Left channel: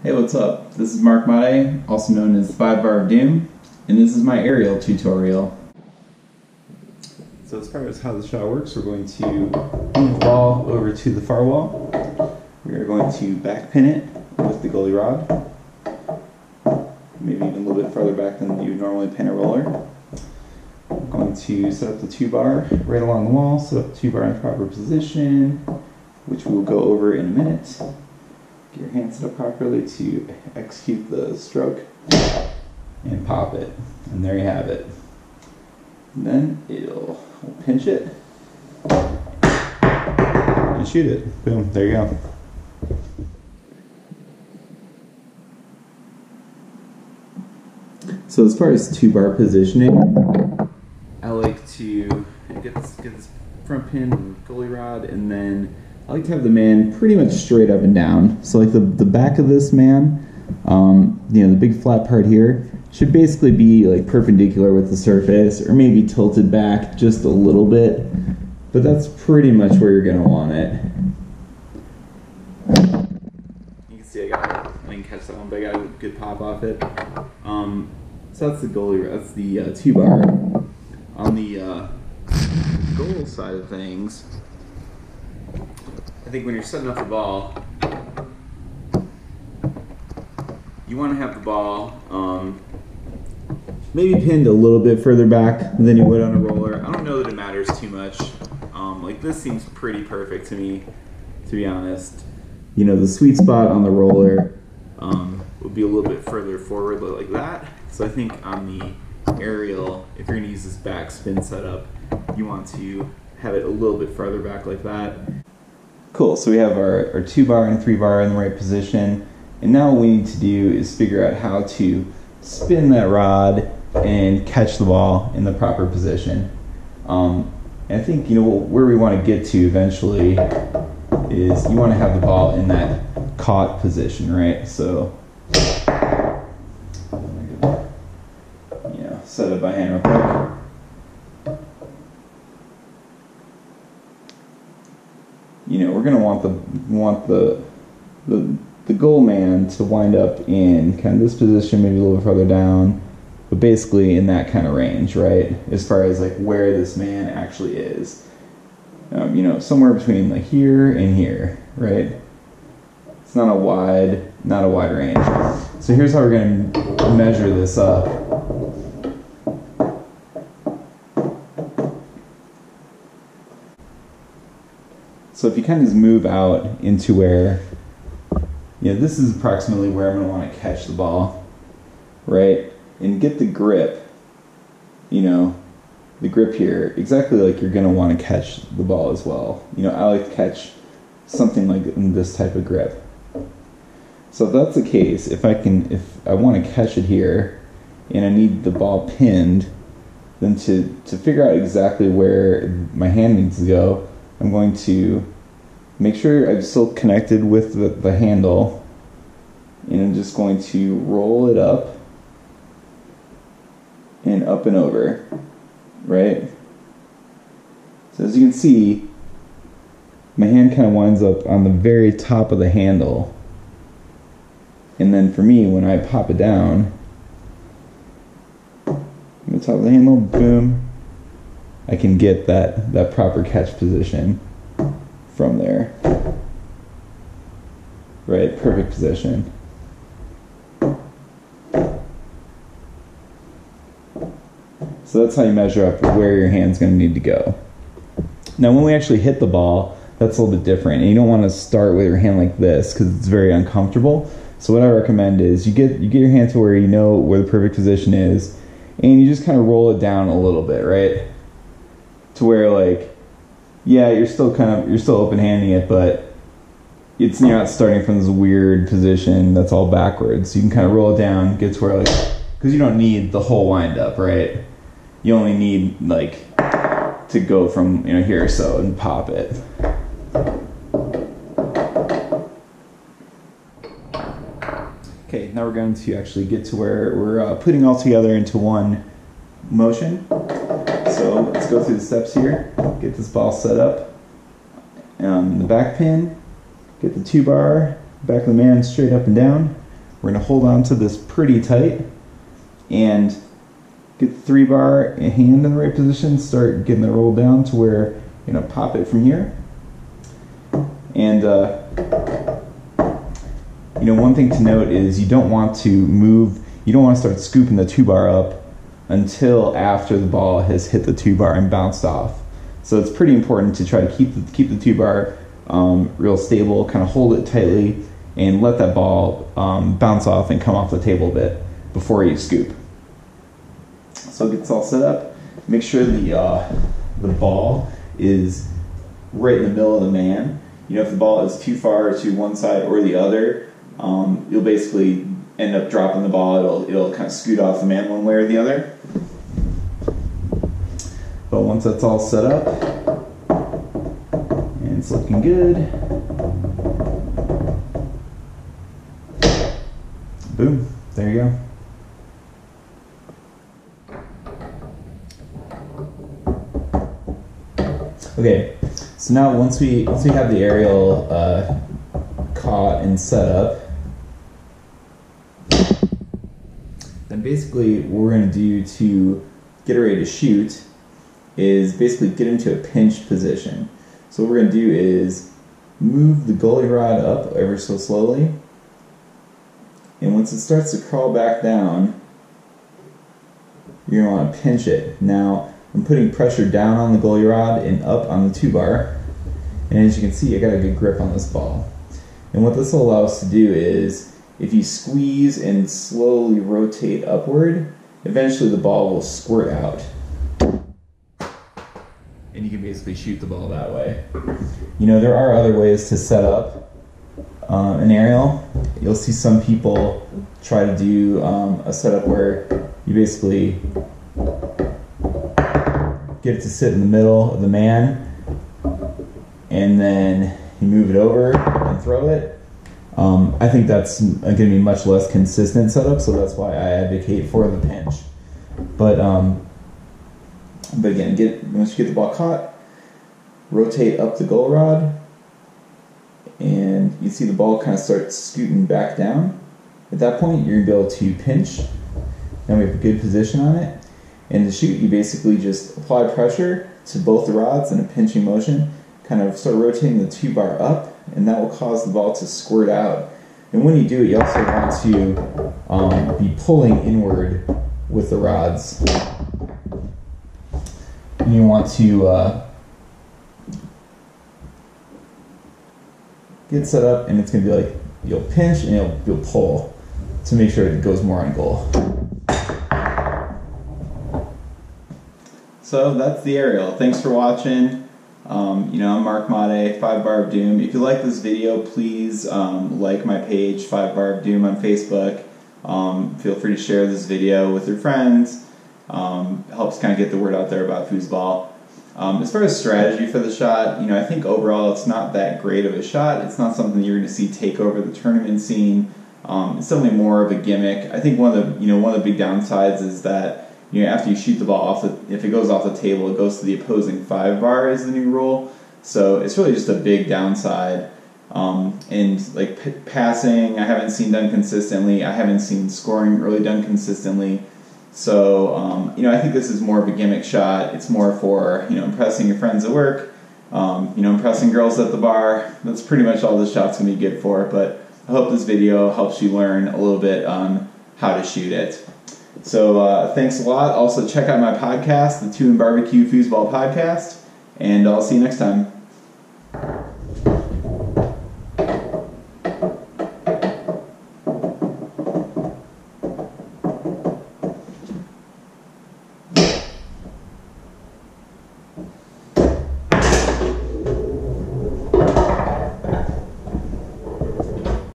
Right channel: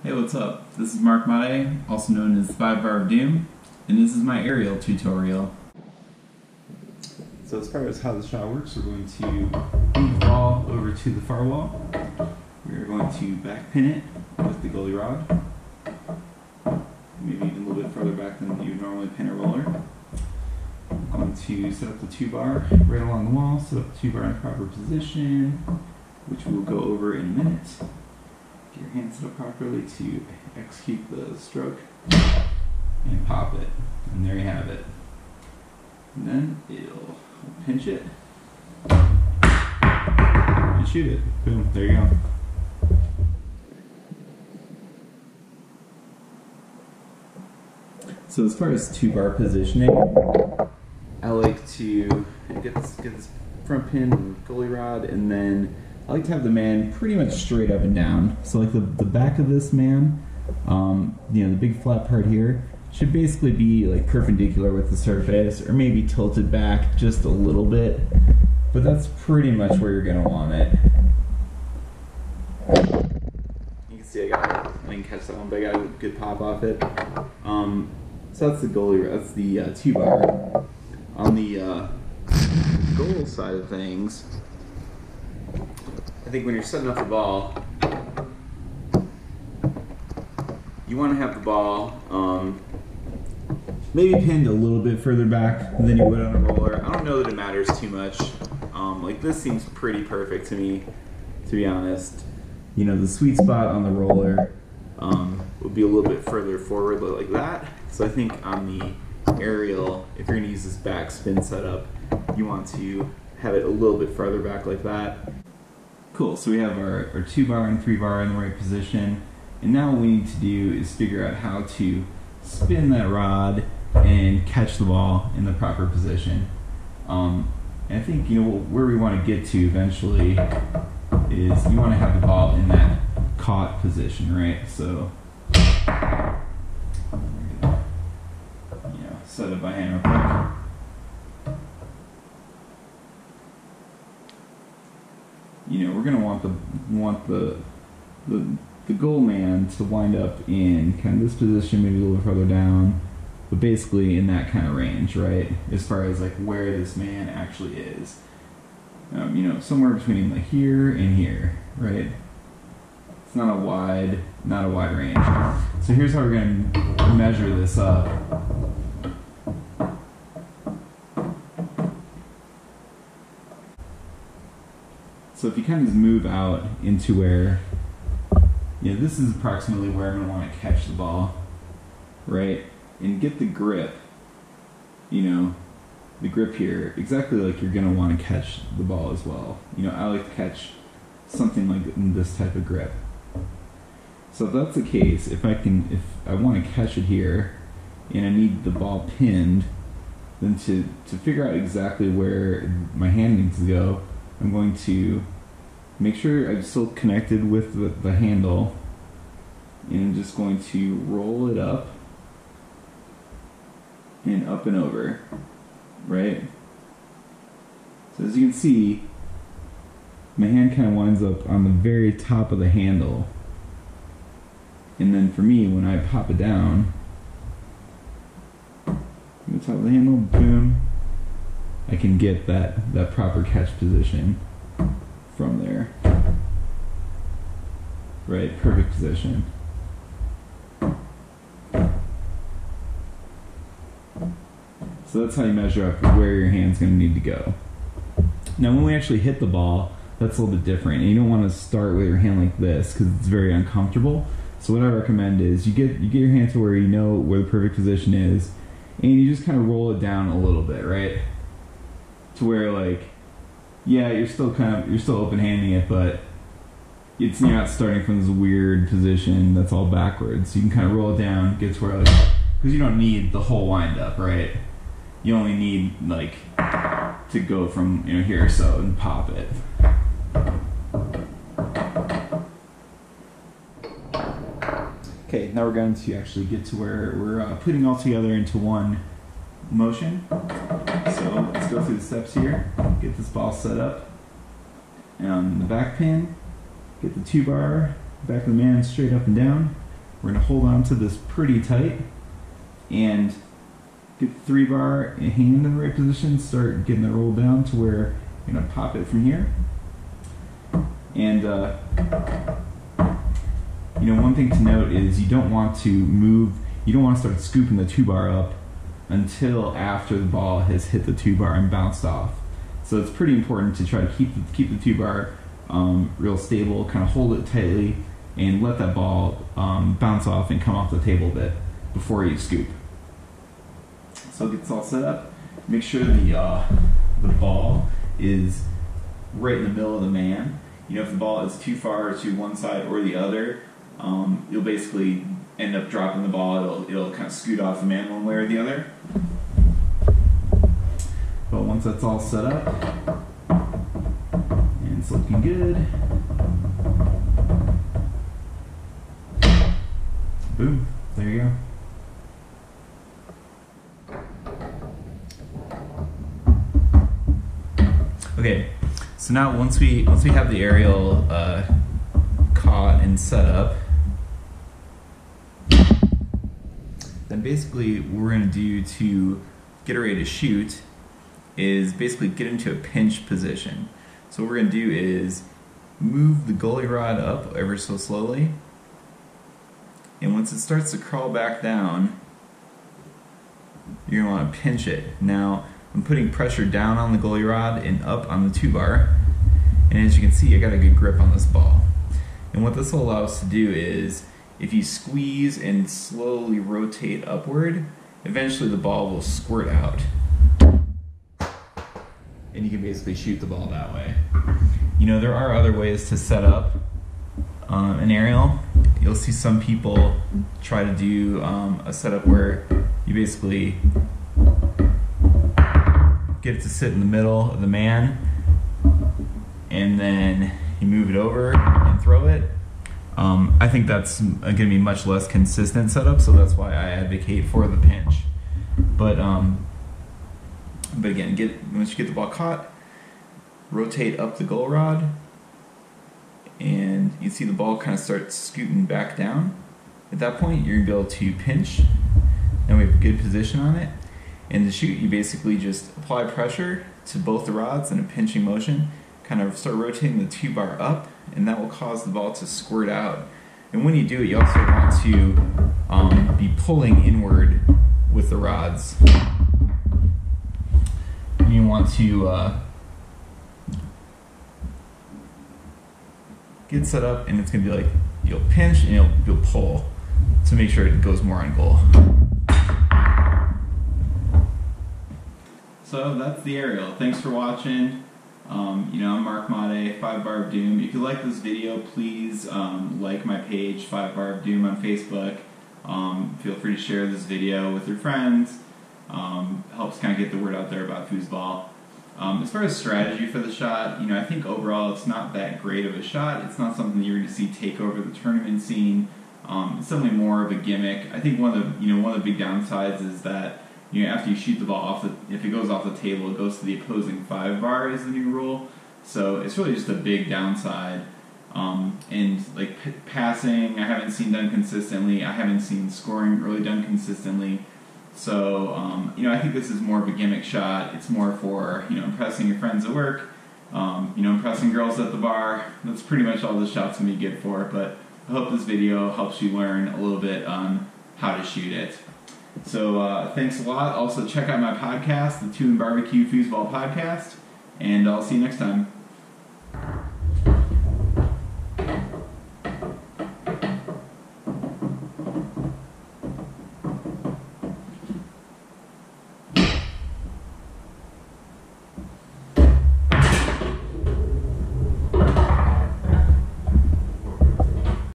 Hey, what's up? This is Mark Made, also known as 5 Bar of Doom, and this is my aerial tutorial. So as far as how the shot works, we're going to move the ball over to the far wall. We are going to back pin it with the goalie rod, maybe even a little bit farther back than you normally pin a roller. We're going to set up the 2-bar right along the wall, set up the 2-bar in the proper position, which we'll go over in a minute. Get your hand set up properly to execute the stroke and pop it. And there you have it. And then we'll pinch it and shoot it. Boom, there you go. So as far as 2-bar positioning, I like to get this front pin and goalie rod, and then I like to have the man pretty much straight up and down. So like the back of this man, the big flat part here, should basically be like perpendicular with the surface, or maybe tilted back just a little bit, but that's pretty much where you're gonna want it. You can see I didn't catch that one, but I got a good pop off it. So that's the goalie, that's the 2-bar. On the goal side of things, I think when you're setting up the ball, you want to have the ball maybe pinned a little bit further back than you would on a roller. I don't know that it matters too much. Like this seems pretty perfect to me, to be honest. You know, the sweet spot on the roller would be a little bit further forward like that. So I think on the aerial, if you're going to use this back spin setup, you want to have it a little bit farther back like that. Cool, so we have our 2-bar and 3-bar in the right position, and now what we need to do is figure out how to spin that rod and catch the ball in the proper position. And I think where we want to get to eventually is you want to have the ball in that caught position, right? So set up by hand real quick. We're gonna want the goal man to wind up in kind of this position, maybe a little further down, but basically in that kind of range, right? As far as like where this man actually is, somewhere between like here and here, right? It's not a wide range. So here's how we're gonna measure this up. So if you kind of just move out into where, this is approximately where I'm going to want to catch the ball, right? And get the grip, the grip here, exactly like you're going to want to catch the ball as well. I like to catch something like this type of grip. So if that's the case, if I want to catch it here and I need the ball pinned, then to figure out exactly where my hand needs to go, I'm going to make sure I'm still connected with the handle, and I'm just going to roll it up and over, right? So as you can see, my hand kind of winds up on the very top of the handle, and then for me, when I pop it down, on the top of the handle, boom, I can get that proper catch position from there. Right, perfect position. So that's how you measure up where your hand's going to need to go. Now when we actually hit the ball, that's a little bit different. And you don't want to start with your hand like this because it's very uncomfortable. So what I recommend is you get your hand to where you know where the perfect position is, and you just kind of roll it down a little bit, right? To where you're still open-handing it, but you're not starting from this weird position that's all backwards. You can kind of roll it down, get to where because you don't need the whole wind up, right? You only need to go from here or so and pop it. Okay, now we're going to actually get to where we're putting all together into one motion. So let's go through the steps here. Get this ball set up. The back pin, get the 2-bar, back of the man straight up and down. We're going to hold on to this pretty tight and get the 3-bar hand in the right position, start getting it rolled down to where you're going to pop it from here. And one thing to note is you don't want to start scooping the 2-bar up until after the ball has hit the 2-bar and bounced off. So it's pretty important to try to keep the 2-bar real stable, kind of hold it tightly, and let that ball bounce off and come off the table a bit before you scoop. So it gets all set up. Make sure the ball is right in the middle of the man. If the ball is too far to one side or the other, you'll basically end up dropping the ball. It'll kind of scoot off the man one way or the other. But once that's all set up and it's looking good, boom, there you go. Okay, so now once we have the aerial caught and set up, then basically what we're going to do to get ready to shoot is basically get into a pinch position. So what we're going to do is move the goalie rod up ever so slowly, and once it starts to crawl back down, you're going to want to pinch it. Now I'm putting pressure down on the goalie rod and up on the 2-bar, and as you can see, I got a good grip on this ball. And what this will allow us to do is, if you squeeze and slowly rotate upward, eventually the ball will squirt out. And you can basically shoot the ball that way. There are other ways to set up an aerial. You'll see some people try to do a setup where you basically get it to sit in the middle of the man, and then you move it over and throw it. I think that's going to be much less consistent setup, so that's why I advocate for the pinch. But again, once you get the ball caught, rotate up the goal rod, and you see the ball kind of start scooting back down. At that point, you're going to be able to pinch. Now we have a good position on it. And to shoot, you basically just apply pressure to both the rods in a pinching motion, kind of start rotating the 2-bar up, and that will cause the ball to squirt out. And when you do it, you also want to be pulling inward with the rods. And you want to get set up, and it's going to be like you'll pinch and you'll pull to make sure it goes more on goal. So that's the aerial. Thanks for watching. I'm Mark Made, 5-Bar of Doom. If you like this video, please like my page, 5-Bar of Doom, on Facebook. Feel free to share this video with your friends. Helps kind of get the word out there about foosball. As far as strategy for the shot, I think overall it's not that great of a shot. It's not something you're going to see take over the tournament scene. It's definitely more of a gimmick. I think one of the big downsides is that after you shoot the ball if it goes off the table, it goes to the opposing 5-bar is the new rule. So it's really just a big downside. And like passing, I haven't seen done consistently. I haven't seen scoring really done consistently. So I think this is more of a gimmick shot. It's more for impressing your friends at work, impressing girls at the bar. That's pretty much all this shot's gonna be good for. But I hope this video helps you learn a little bit on how to shoot it. So thanks a lot. Also check out my podcast, the 2 and Barbecue Foosball podcast, and I'll see you next time.